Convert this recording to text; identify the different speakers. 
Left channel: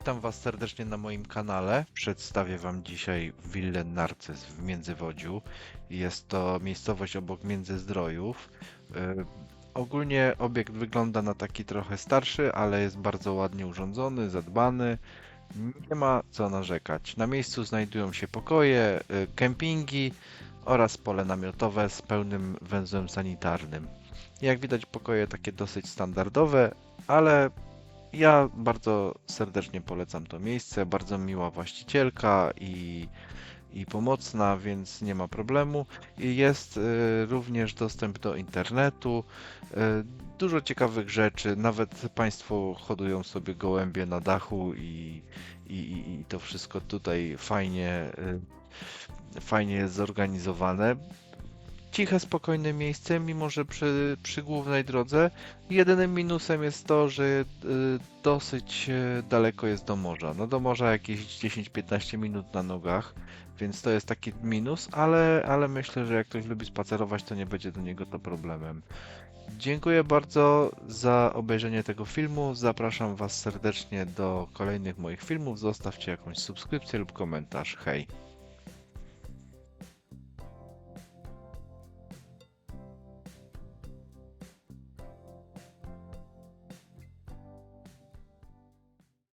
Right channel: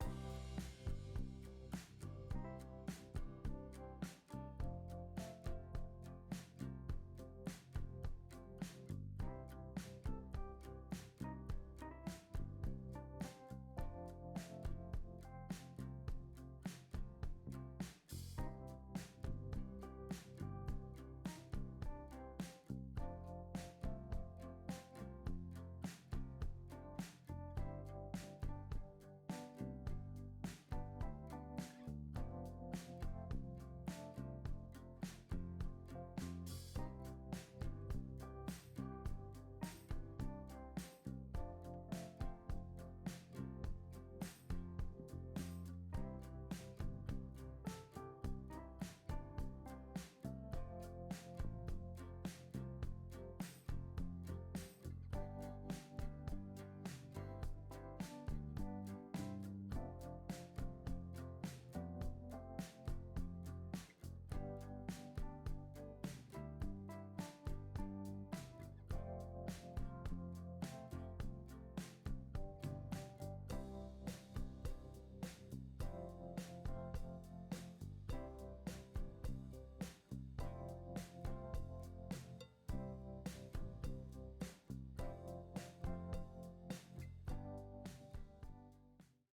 Speaker 1: witam Was serdecznie na moim kanale. Przedstawię Wam dzisiaj willę Narcyz w Międzywodziu. Jest to miejscowość obok Międzyzdrojów. Yy, Ogólnie obiekt wygląda na taki trochę starszy, ale jest bardzo ładnie urządzony, zadbany. Nie ma co narzekać. Na miejscu znajdują się pokoje, y, kempingi oraz pole namiotowe z pełnym węzłem sanitarnym. Jak widać pokoje takie dosyć standardowe, ale ja bardzo serdecznie polecam to miejsce. Bardzo miła właścicielka i, i pomocna, więc nie ma problemu. Jest y, również dostęp do internetu. y, Dużo ciekawych rzeczy. Nawet Państwo hodują sobie gołębie na dachu i, i, i to wszystko tutaj fajnie, y, fajnie jest zorganizowane. Ciche, spokojne miejsce, mimo że przy, przy głównej drodze. Jedynym minusem jest to, że y, dosyć y, daleko jest do morza. No do morza jakieś 10-15 minut na nogach, więc to jest taki minus, ale, ale myślę, że jak ktoś lubi spacerować, to nie będzie do niego to problemem. Dziękuję bardzo za obejrzenie tego filmu. Zapraszam Was serdecznie do kolejnych moich filmów. Zostawcie jakąś subskrypcję lub komentarz. Hej!